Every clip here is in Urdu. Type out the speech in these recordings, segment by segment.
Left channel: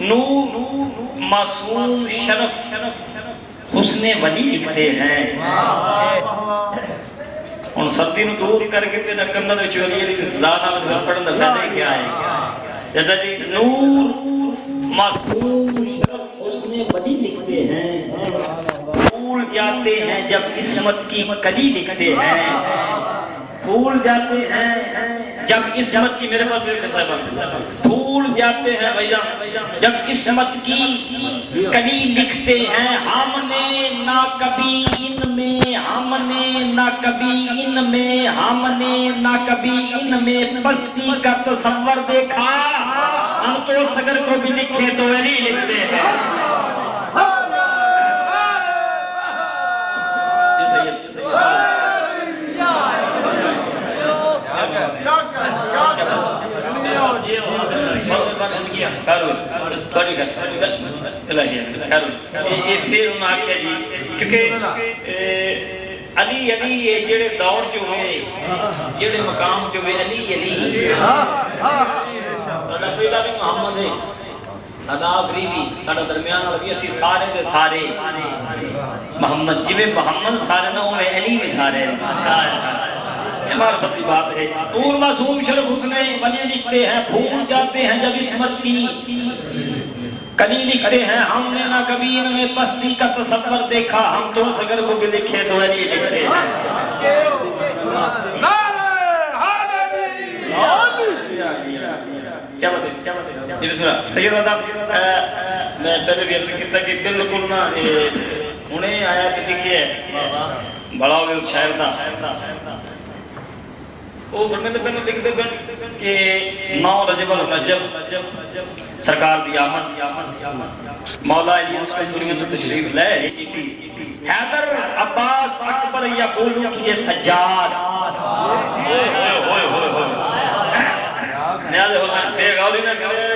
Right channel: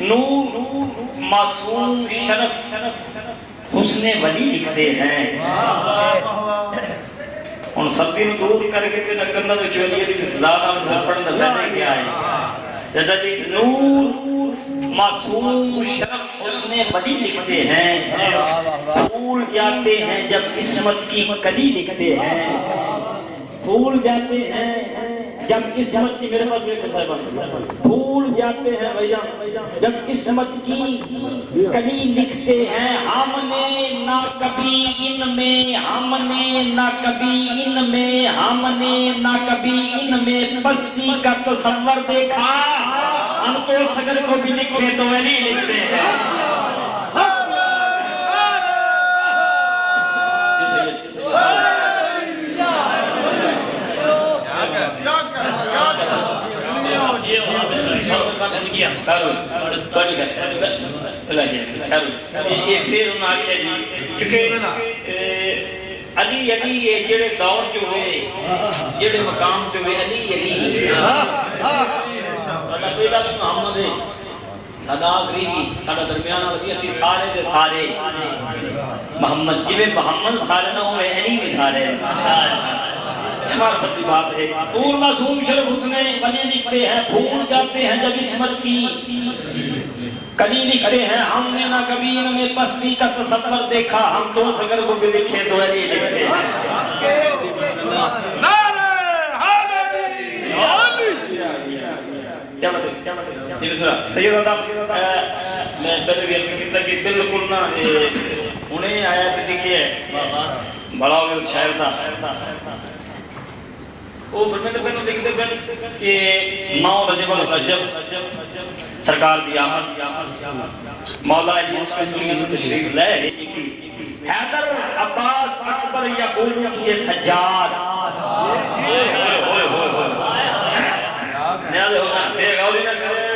نور معصوم شرف حسن ولی لکھتے ہیں ان سب دن دور کر کے تیرا کندر چولی علی صدانا مجھے پڑھنا پہلے کیا ہے جیسا جی نور معصوم شرف حسن ولی لکھتے ہیں بھول جاتے ہیں جب عصمت کی کلی لکھتے ہیں بھول جاتے ہیں جب عصمت کی میرے پاس ایک بھول جاتے ہیں بھیا جب عصمت کی کلی لکھتے ہیں ہم نے نہ کبھی ان میں ہم نے نہ کبھی ان میں ہم نے نہ کبھی ان میں پستی کا تصور دیکھا ہم تو سگر کو بھی لکھے تو ولی لکھتے ہیں علی علی جڑے دور جو ہوئے جڑے مقام جو ہوئے علی علی ساڑھا پہلا بھی محمد ہے ساڑھا آخری بھی ساڑھا درمیان بھی اسی سارے دے سارے محمد جب محمد سارے نہ ہوئے علی بھی سارے معرفت کی بات ہے نور معصوم شرف حسن ولی لکھتے ہیں بھول جاتے ہیں جب عصمت کی کلی لکھتے ہیں ہم نے نہ کبھی ان میں پستی کا تصور دیکھا ہم تو سگر کو بھی لکھے تو ولی لکھتے ہیں سید آدم میں پہلے بھی عرض کیتا کہ بالکل نہ انہیں آیا کہ لکھے بڑا ہوئے اس شاعر دا وہ فرمیدہ بن لکھتے بن کہ 9 رجب الرجب سرکار کی آمد مولا علی اس میں دنیا میں تشریف لائے لکھی تھی حیدر عباس اکبر یا بولو تجھے سجاد نیاز حسین ایک آوری نہ کرے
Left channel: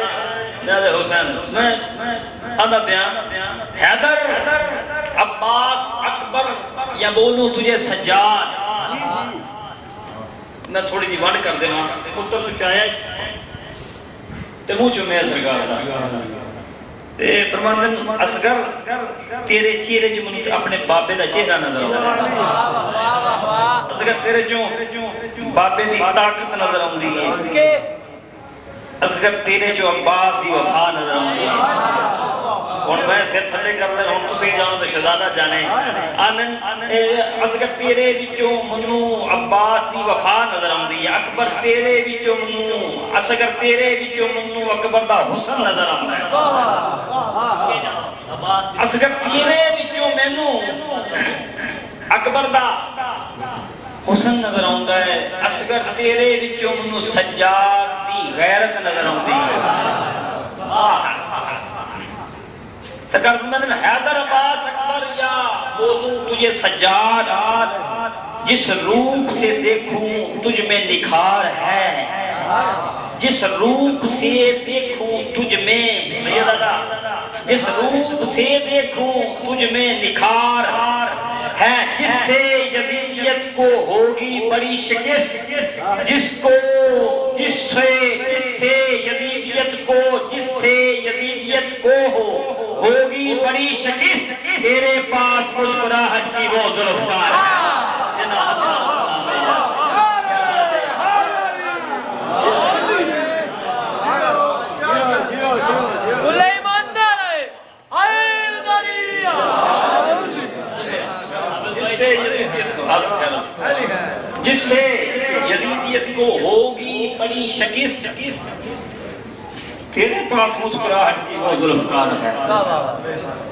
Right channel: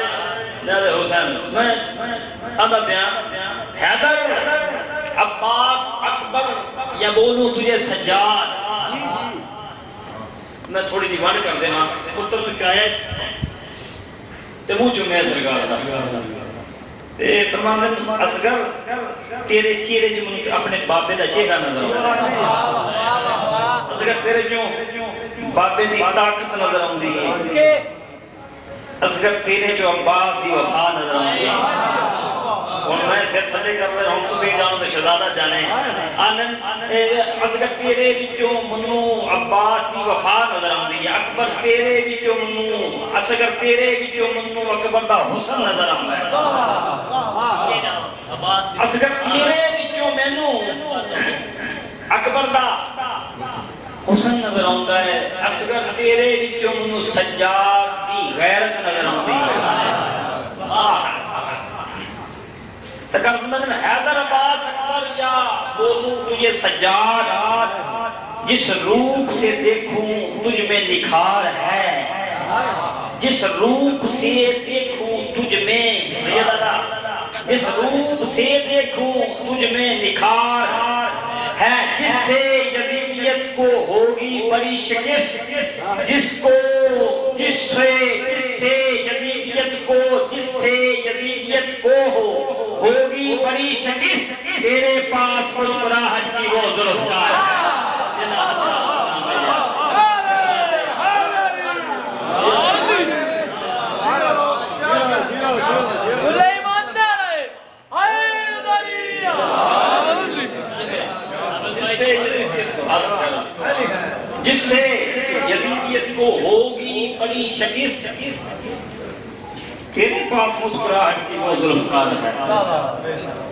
نیاز حسین میں آدھا بیان حیدر عباس اکبر یا بولو تجھے سجاد میں تھوڑی دی وانڈ کر دینا پتر نو چاہے تے منہ چوں میں سرکار دا تے فرماندن اصغر تیرے چہرے چ من اپنے بابے دا چہرہ نظر اصغر تیرے چوں بابے دی طاقت نظر آندی ہے اصغر تیرے چوں عباس دی وفا نظر آندی ہے اور میں سے تھلے کرتے رہوں تو سے جانو تو شہزادہ جانے اصغر تیرے وچوں منو عباس دی وفا نظر آندی ہے اکبر تیرے وچوں منو اصغر تیرے وچوں منو اکبر دا حسن نظر آندا ہے اصغر تیرے وچوں مینوں اکبر دا حسن نظر آندا ہے اصغر تیرے وچوں منو سجاد دی غیرت نظر آندی ہے سرکار فرماتے ہیں حیدر عباس اکبر یا بولوں تجھے سجاد جس روپ سے دیکھوں تجھ میں نکھار ہے جس روپ سے دیکھوں تجھ میں جس روپ سے دیکھوں تجھ میں نکھار ہے جس سے یزیدیت کو ہوگی بڑی شکست جس سے یزیدیت کو ہوگی بڑی شکست تیرے پاس مسکراہٹ کی وہ ذوالفقار جس سے یزیدیت کو ہوگی بڑی شکست تیرے پاس مسکراہٹ کی وہ ذوالفقار ہے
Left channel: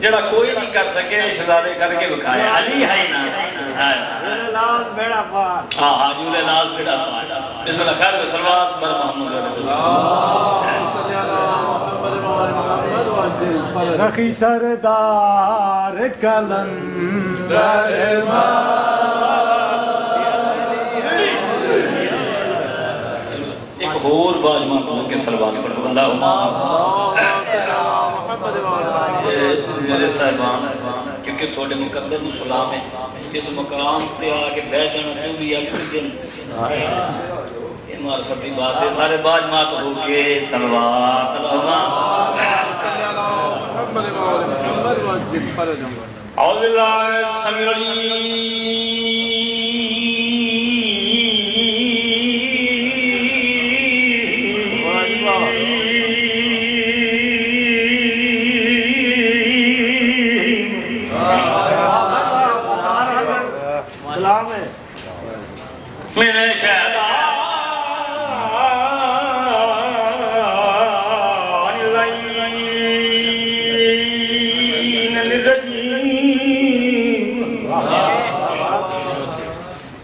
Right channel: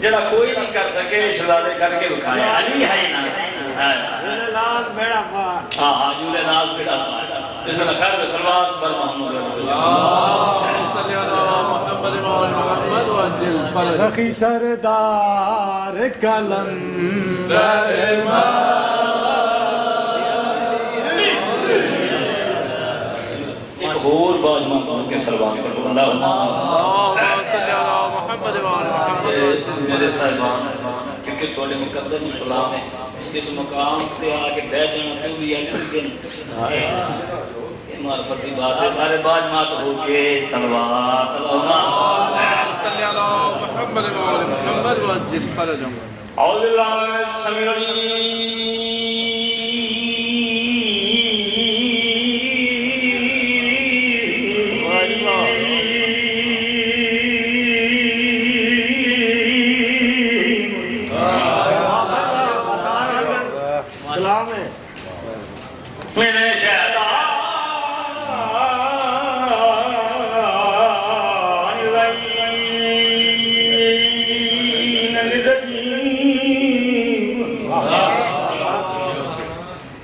جڑا کوئی نہیں کر سکے شہزادے کر کے بکھایا علی ہے نا جولے لال بیڑا پار ہاں جولے لال بیڑا پار اس میں خیر و صلوات بر محمد سخی سردار کلندر ایک اور بات مانگوں کے سلوات پر میرے صاحبان کیونکہ تھوڑے مقدر و سلام ہے اس مقام پہ آ کے بیٹھ جانا تو بھی اج دن معرفتی بات ہے سارے باج مات ہو کے صلوات اللہم صلی اللہ محمد محمد وجل فرجم اعوذ باللہ السمیع سلام ہے من الشیطان اللعین الرجیم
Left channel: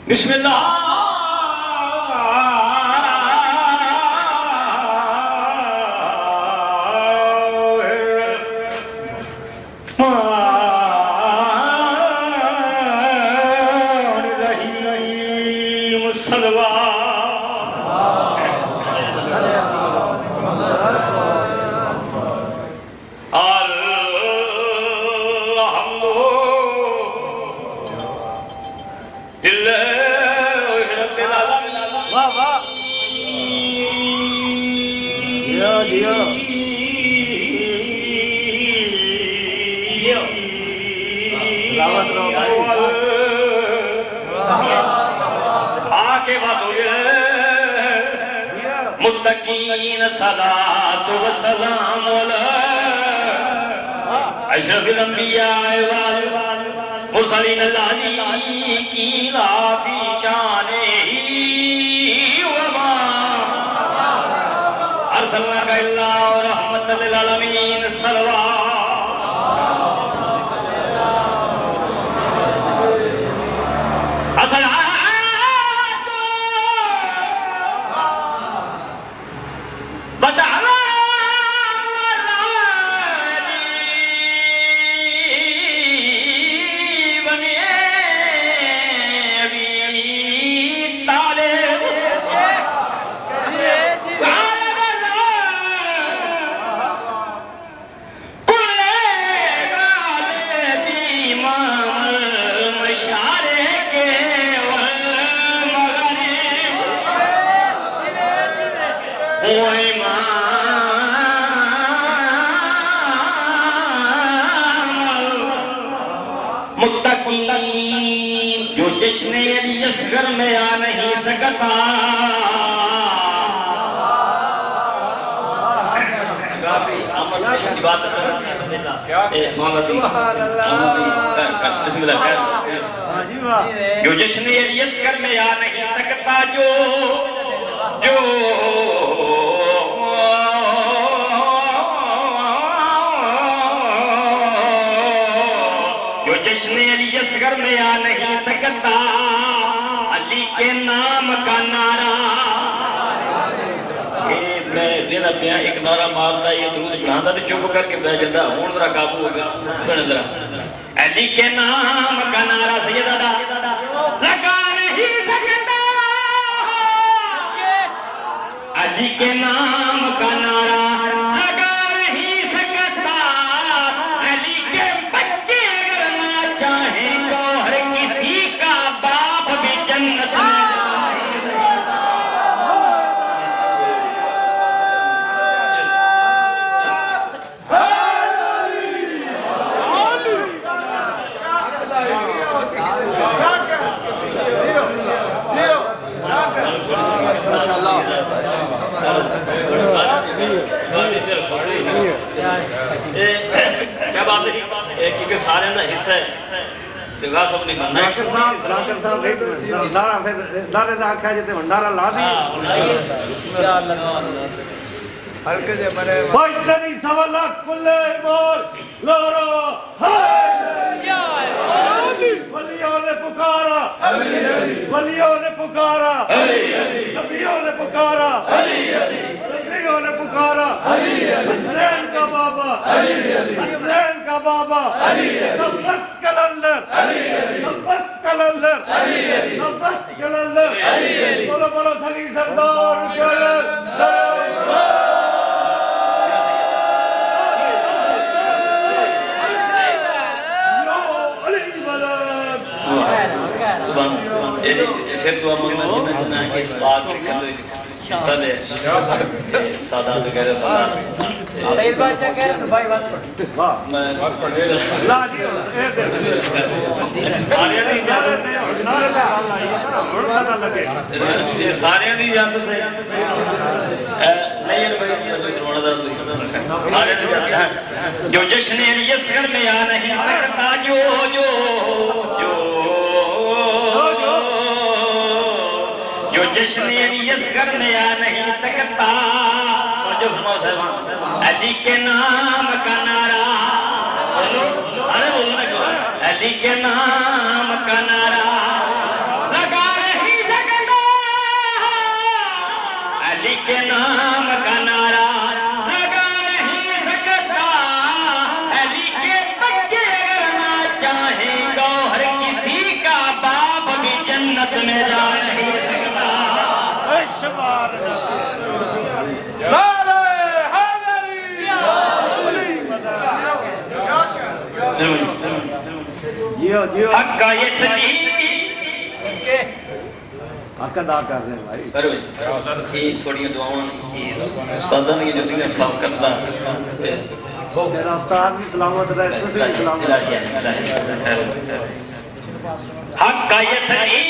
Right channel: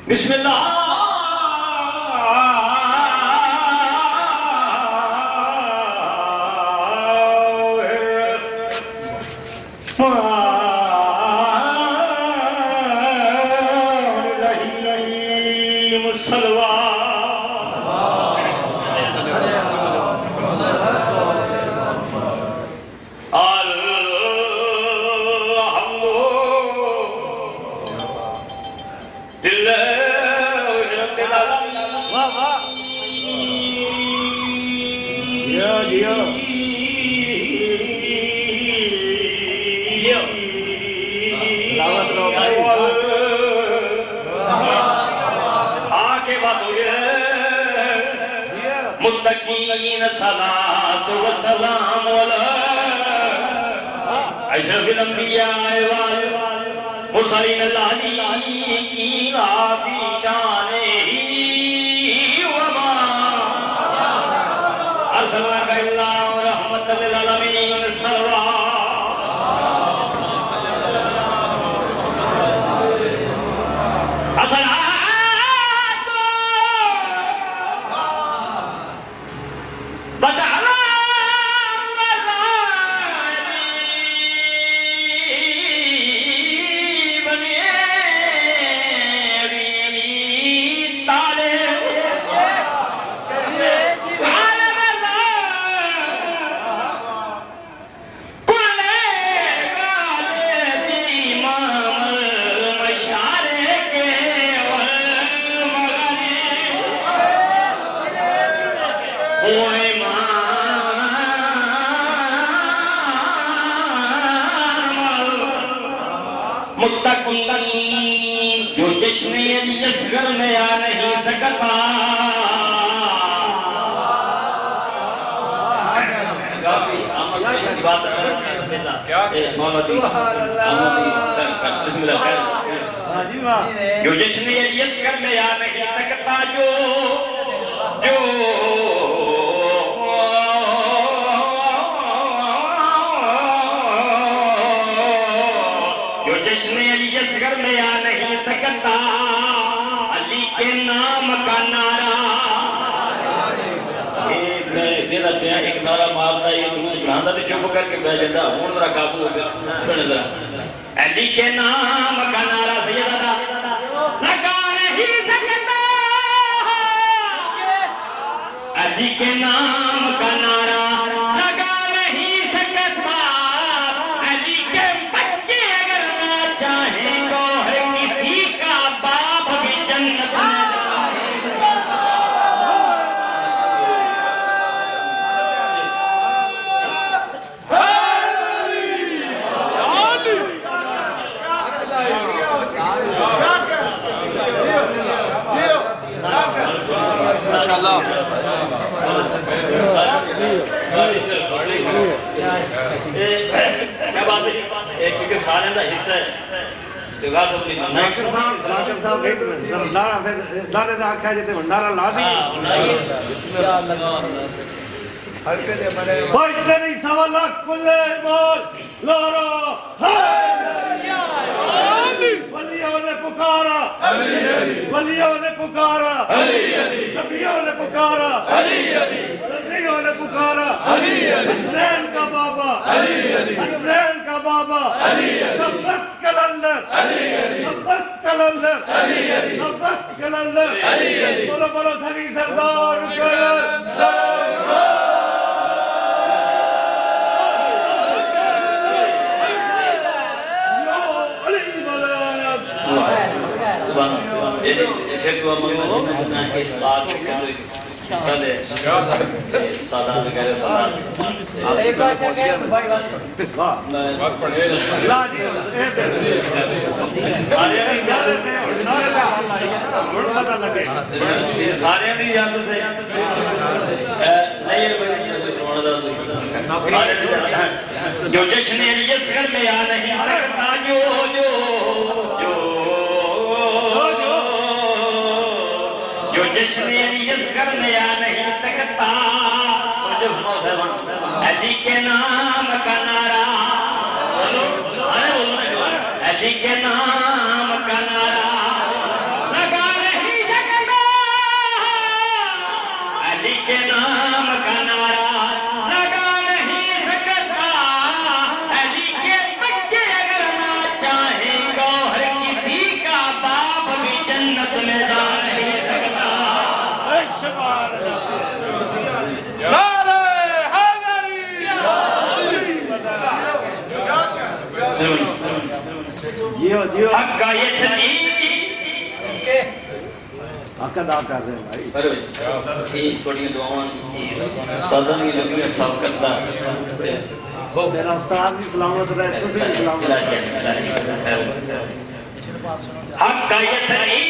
بسم اللہ متقین صلاة و سلام اشرف الانبیاء والمرسلین العلیقین فی شانہ وما ارسلناک الا رحمت للعالمین صلوات متقین جو جشن علی اصغر میں آ نہیں سکتا جو جشن علی اصغر میں آ نہیں سکتا جو جشن علی اصغر میں آ نہیں سکتا علی کے نام کا نعرہ میرا کیا ایک نعرہ مارتا ہے یہ درود پڑھاتا تو چپ کر کے بیٹھ جاتا ہوں ذرا قابو ہو گیا پڑھنے ذرا علی کے نام کا نعرہ سیدہ لگا نہیں سکتا علی کے نام کا نعرہ لگا نہیں سکتا علی کے بچے اگر نہ چاہیں تو ہر کسی کا باپ بھی جنت میں کیا بات ہے کیونکہ سارے دا حصہ ہے تیغا سب نہیں بننا ڈاکٹر صاحب ایک منٹ بھنڈارا پھر دارے دا آکھا جیتے بھنڈارا لا دی بھائی تیری سوا لاکھ کلے بول لورو ولیوں نے پکارا ولیوں نے پکارا نبیوں نے پکارا نبیوں نے پکارا حسنین کا بابا حسنین کا بابا نبست کلندر نبست کلندر نبست کلندر بولو بولو سگی سردار سبحان اللہ سادے سادات کرے سادات صحیح بادشاہ کہے تو بھائی بات چھوڑ واہ بات پڑھے لا جی سارے نعرے لا بڑا پتہ لگے سارے دی یاد سے جو جشن یسکر میں آ نہیں سکتا جو جشن یسکر میں آ نہیں سکتا علی کے نام کا نعرہ علی کے نام کا نعرہ لگا نہیں سکتا علی کے نام کا نعرہ لگا نہیں سکتا علی کے بچے اگر نہ چاہیں گوہر کسی کا باپ بھی جنت میں جا نہیں سکتا نعرہ حیدری جیو جیو حق کا یہ سنی حق ادا کر رہے ہیں بھائی کرو یہ تھوڑی دعاؤں سادہ کی جو میں صاف کرتا تیرا استاد بھی سلامت رہے تسی بھی سلامت رہے حق کا یہ سنی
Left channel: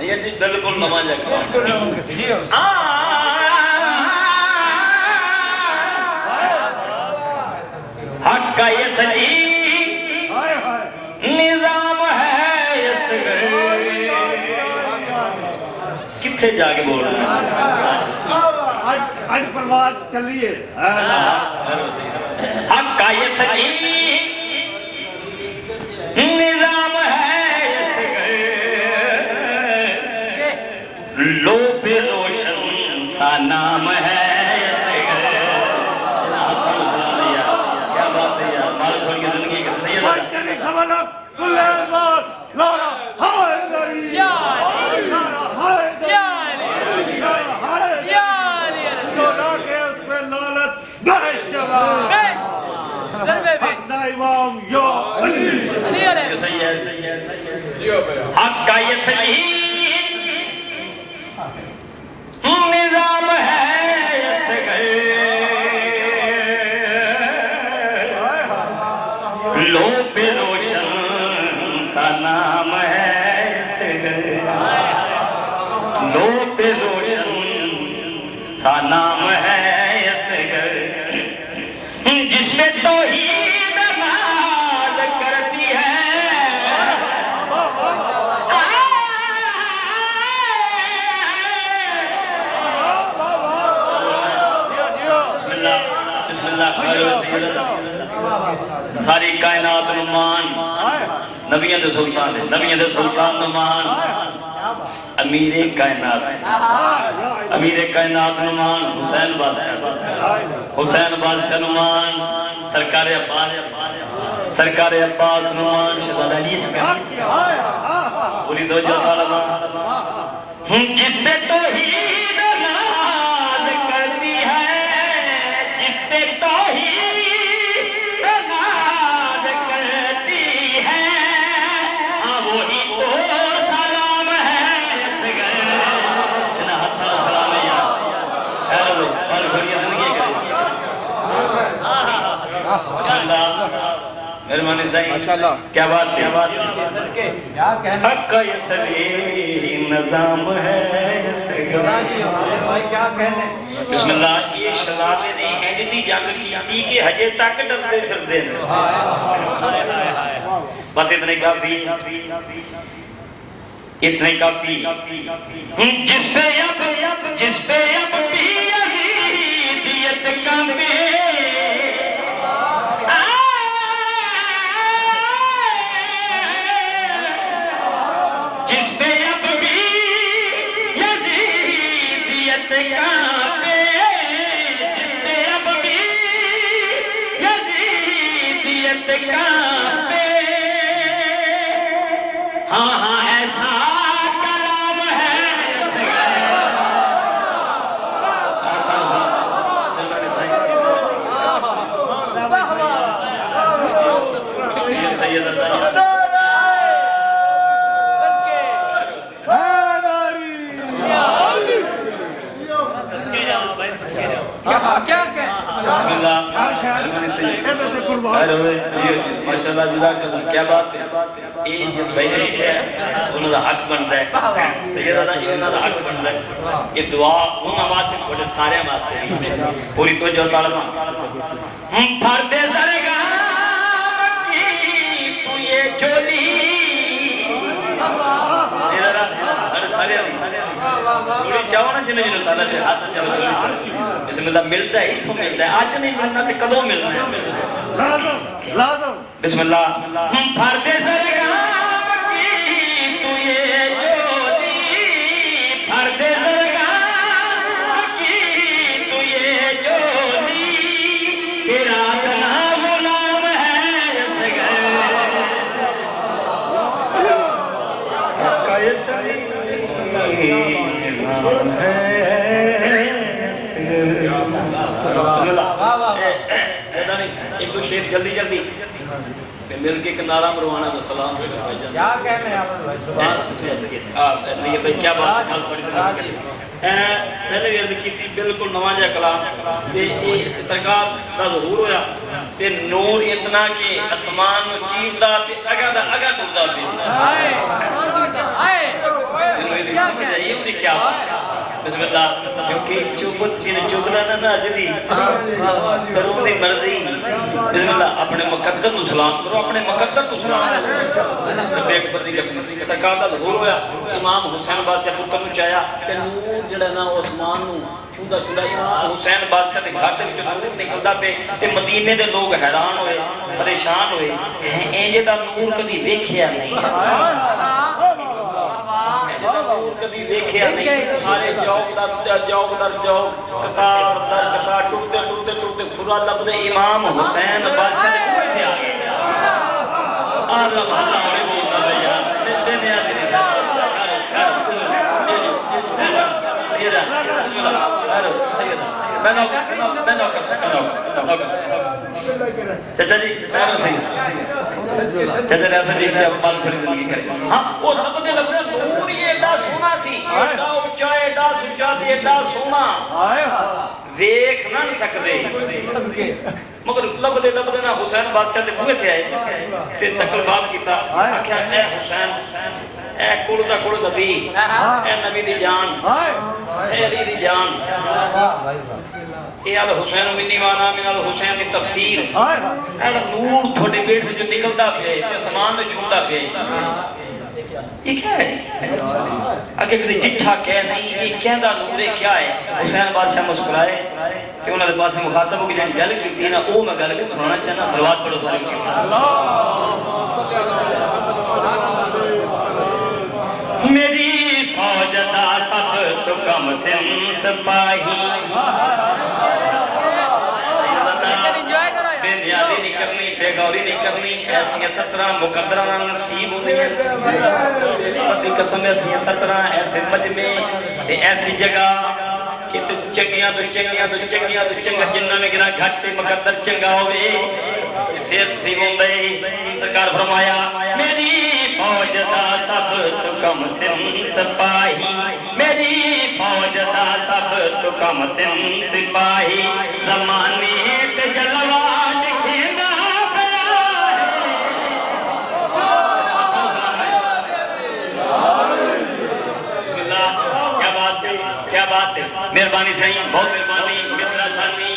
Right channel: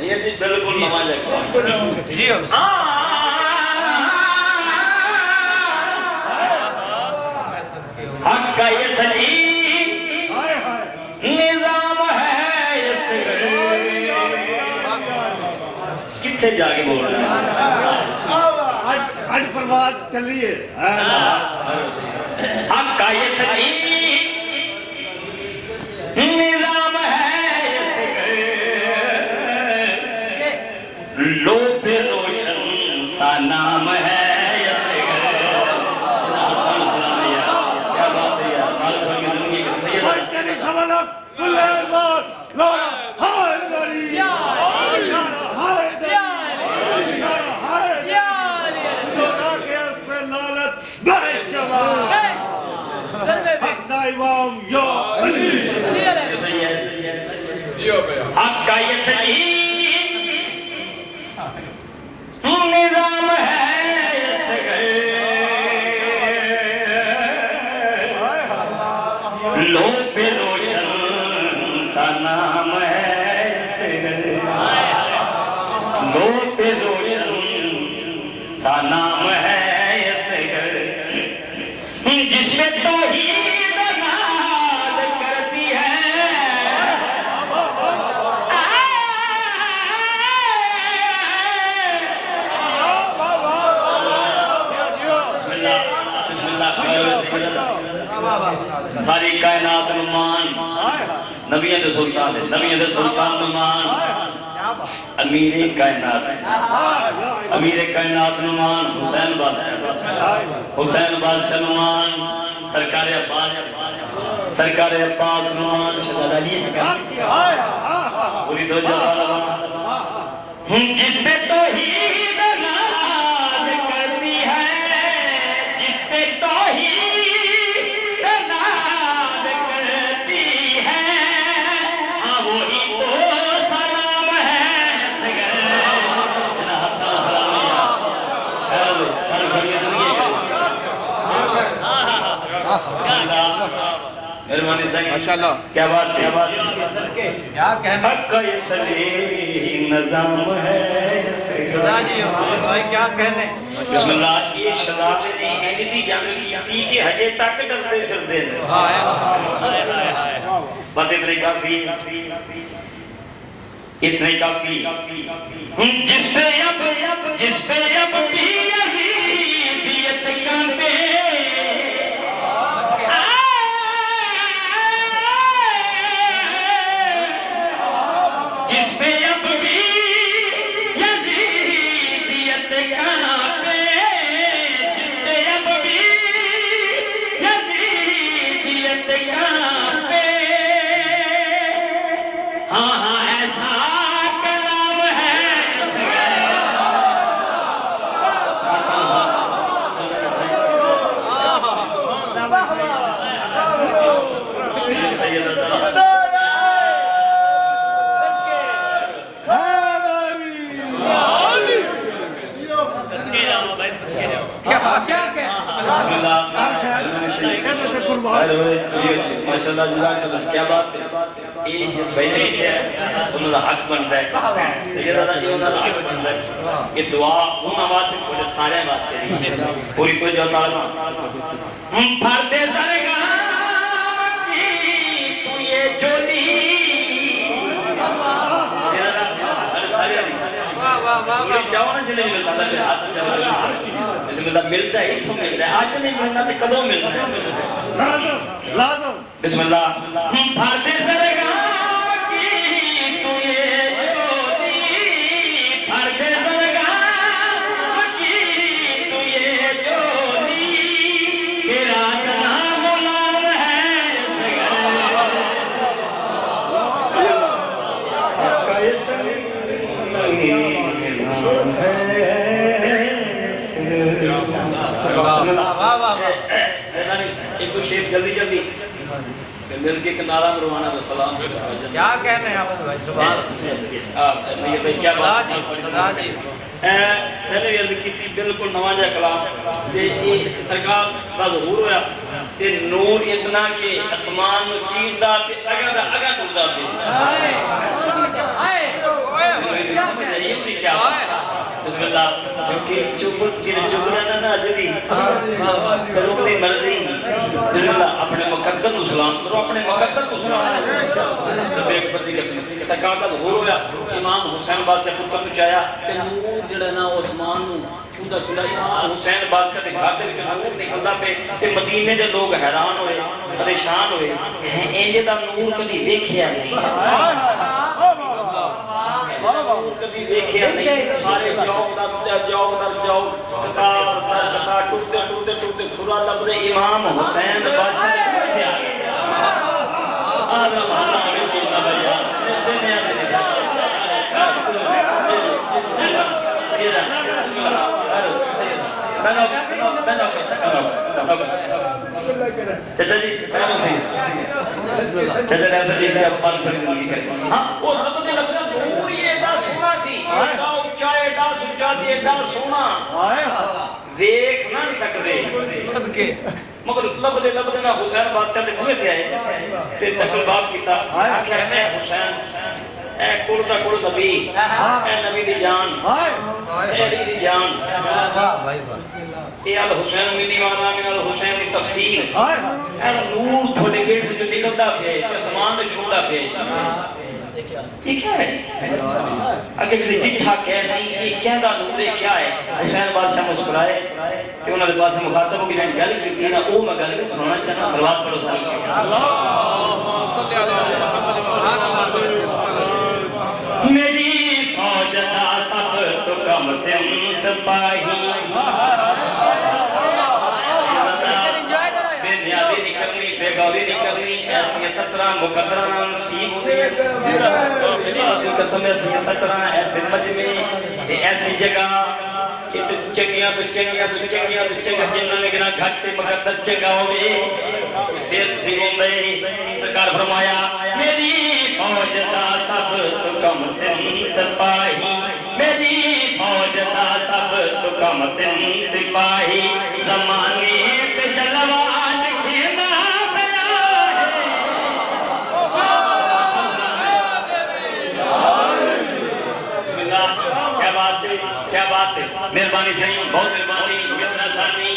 یہ بھی بالکل نماز ہے حق کا یہ سنی ہائے ہائے نظام ہے اس کتنے جا کے بول رہے ہیں آج پرواز چلیے حق کا یہ سنی نظام ہے اس لو پہ روشن سا نام ہے اس کیا بات ہے یار بات تھوڑی زندگی کا صحیح ہے بھائی تیری خبر نہ کلے بار نعرہ حیدری نعرہ حیدری نعرہ حیدری خدا کے اس پہ لعنت بے شمار حق کا امام یا علی یہ صحیح ہے جیو بھیا حق کا یہ صحیح نظام ہے اس لو پہ روشن سا نام ہے اس لو پہ روشن سا نام ہے اس جس میں توحید نماز کرتی ہے بسم اللہ ساری کائنات نمان نبیان دے سلطان ہے نبیان دے سلطان نمان امیر کائنات نمان حسین بادشاہ نمان سرکار عباس نمان شہزادہ علی اسکر پوری دو جہاں جس پہ توحید نماز کرتی ہے جس پہ توحید نماز کرتی ہے وہی تو سلام ہے مہربانی ماشاءاللہ کیا بات کیا کہنا حق کا یہ سلیم نظام ہے بھائی کیا کہنے بسم اللہ یہ شرابے نے اینڈی جنگ کی تھی کہ ہجے تک ڈرتے پھرتے ہیں بس اتنے کافی جس پہ اب بھی یزیدیت کانپے جس پہ اب بھی یزیدیت کانپے جس پہ اب بھی یزیدیت کانپے ہاں ہاں ایسا کلام ہے ماشاءاللہ جزاک اللہ کیا بات ہے یہ جس بھائی نے لکھا ہے انہوں کا حق بنتا ہے یہ انہوں کا حق بنتا ہے یہ دعا ان آواز سے تھوڑے سارے واسطے بھی پوری توجہ تعالیٰ پھر دے درگاہ کی تو یہ چولی تھوڑی چاہو نا جنہیں جنہیں تعالیٰ جو ہاتھ چاہو بسم اللہ ملتا ہے اتھو ملتا ہے آج نہیں ملنا تو کدوں ملنا ہے لازم بسم اللہ پھردے درگاہ کی تو یہ جولی پھردے درگاہ کی تو یہ جولی میرا نام غلام ہے اس ایک دو شیف جلدی جلدی مل کے ایک نعرہ مروانا تو سلام کیا کہنے ہیں احمد بھائی سبحان یہ بھائی کیا بات میں نے عرض کی تھی بالکل نواجہ کلام یہ سرکار دا ظہور ہویا تے نور اتنا کہ اسمان چیردہ تے اگا ٹوٹا تے کیا بسم اللہ کیونکہ چوبت کی چوبنا نہ جلی درود دی مرضی بسم اللہ اپنے مقدر کو سلام کرو اپنے مقدر کو سلام کرو ایک بندی قسم سرکار دا ظہور ہویا امام حسین بادشاہ پتر نو چاہیا کہ نور جڑا نا عثمان نو چھوڑا چھوڑا امام حسین بادشاہ دے گھر وچ نور نکلدا پے تے مدینے دے لوگ حیران ہوئے پریشان ہوئے انج دا نور کبھی ویکھیا نہیں کبھی دیکھے نہیں سارے جوگ در جوگ قطار در قطار ٹوٹتے ٹوٹتے ٹوٹتے کھرا لفظ امام حسین بادشاہ نے کتنے آ گئے اللہ آگے دیتا بھیا دنیا چچا جی چچا ایسا دیکھ رہے ہیں بات سنی نہیں کریں ہاں وہ رب کے لفظ نور یہ ایڈا سونا سی ایڈا اچھا ایڈا سچا دی ایڈا سونا دیکھ نہ سکتے مگر لب دے نا حسین بادشاہ دے بوئے پہ آئے تے تکل باب کیتا آکھا اے حسین اے کڑ دا کڑ نبی اے نبی دی جان اے علی دی جان اے آل حسین منی وانا من آل حسین دی تفسیر اے نور تھوڑے بیٹ جو نکلتا پہ جو سمان میں چھوڑتا پہ یہ کیا ہے اگر کسی ڈٹھا کہہ نہیں یہ کہندہ نور کیا ہے حسین بادشاہ مسکرائے کہ انہوں نے پاس سے مخاطب ہو کہ جنہی گل کی تھی نا او میں گل کو سنانا چاہنا صلوات پڑھو میری فوج دا سب تو کم سن سپاہی بنیادی نہیں کرنی بیگوری نہیں کرنی ایسی 17 مقدرہ نصیب قسم ایسی 17 ایسے مجمع ایسی جگہ یہ تو چنگیاں تو چنگیاں تو چنگیاں تو چنگیاں جنہ میں گنا گھٹ سے مقدر چنگا ہوئے پھر سی گھومدے سرکار فرمایا میری فوج دا سب تو کم سن سپاہی میری فوج دا سب تو کم سن سپاہی زمانے پہ جلوہ لکھنا کیا بات ہے مہربانی صحیح بہت مہربانی مصرہ ثانی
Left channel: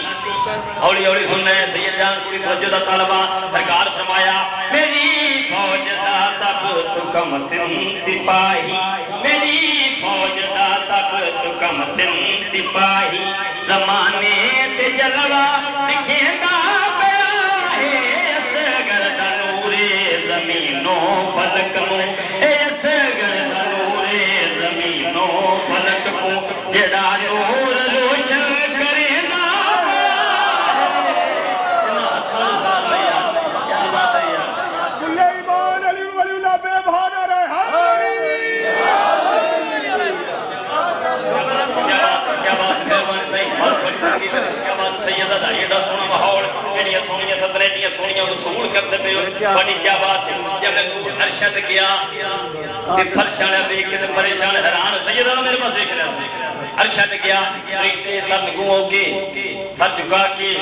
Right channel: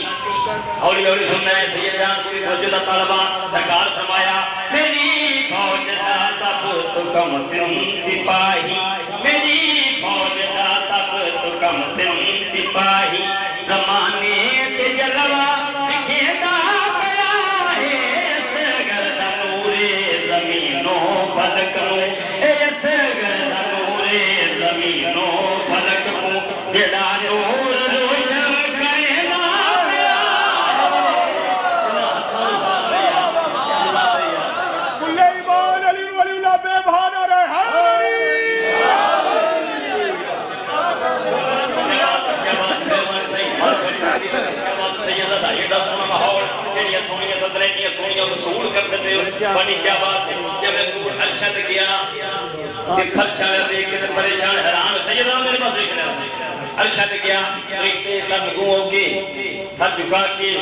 اولی اولی سننا ہے سید جان پوری توجہ دا طالبہ سرکار فرمایا میری فوج دا سب تو کم سن سپاہی میری فوج دا سب تو کم سن سپاہی زمانے پہ جلوہ دکھیندہ پیا ہے اس گردہ نور زمین و فلک نو اس گردہ نور زمین و فلک نو جڑا نور روشن کرے نا کل ایمان علی ولی اللہ بے بہانا رہے بڑی کیا بات ہے جب میں نور ارشد گیا خرشانہ دیکھ کے پریشان حیران سیدہ میرے پاس دیکھنا ارشد گیا فرشتے سب گوں ہو کے سب جھکا کے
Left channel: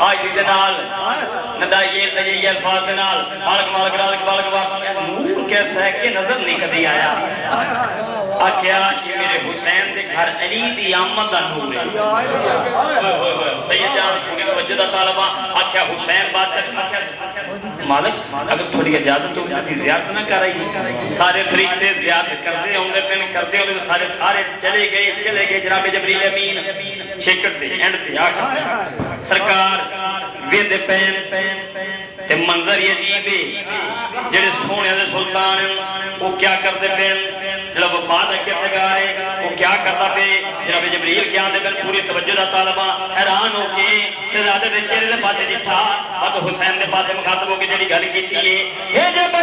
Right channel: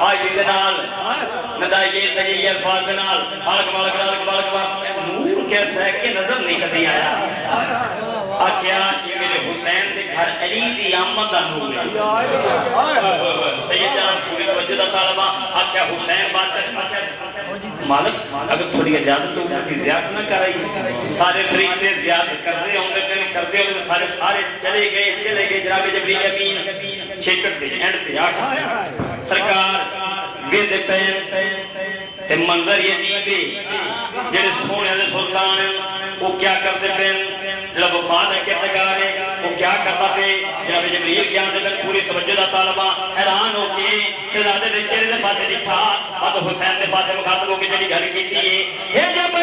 آج دے نال ندائیے تجیے الفاظ دے نال مالک نور کیسا ہے کہ نظر نکل آیا آکھیا یہ میرے حسین دے گھر علی دی آمد دا نور ہے سید جان پوری توجہ دا طالبہ آکھیا حسین بادشاہ مالک اگر تھوڑی اجازت تو کسی زیادت نہ کر رہی سارے فرشتے زیادت کر رہے ہوں گے پہلے کرتے ہوں گے سارے چلے گئے جناب جبریل امین چھکٹ دے اینڈ پہ آخر سرکار وید پین تے منظر یزید جڑے سونے دے سلطان وہ کیا کرتے پین جڑا وفاد ہے کہ لگا رہے وہ کیا کرتا پہ جناب جبریل کیا دے بن پوری توجہ دا طالبہ حیران ہو کے شہزادے دے چہرے دے پاسے ڈٹھا اور حسین دے پاسے مخاطب ہو کے جڑی گل کیتی ہے یہ جب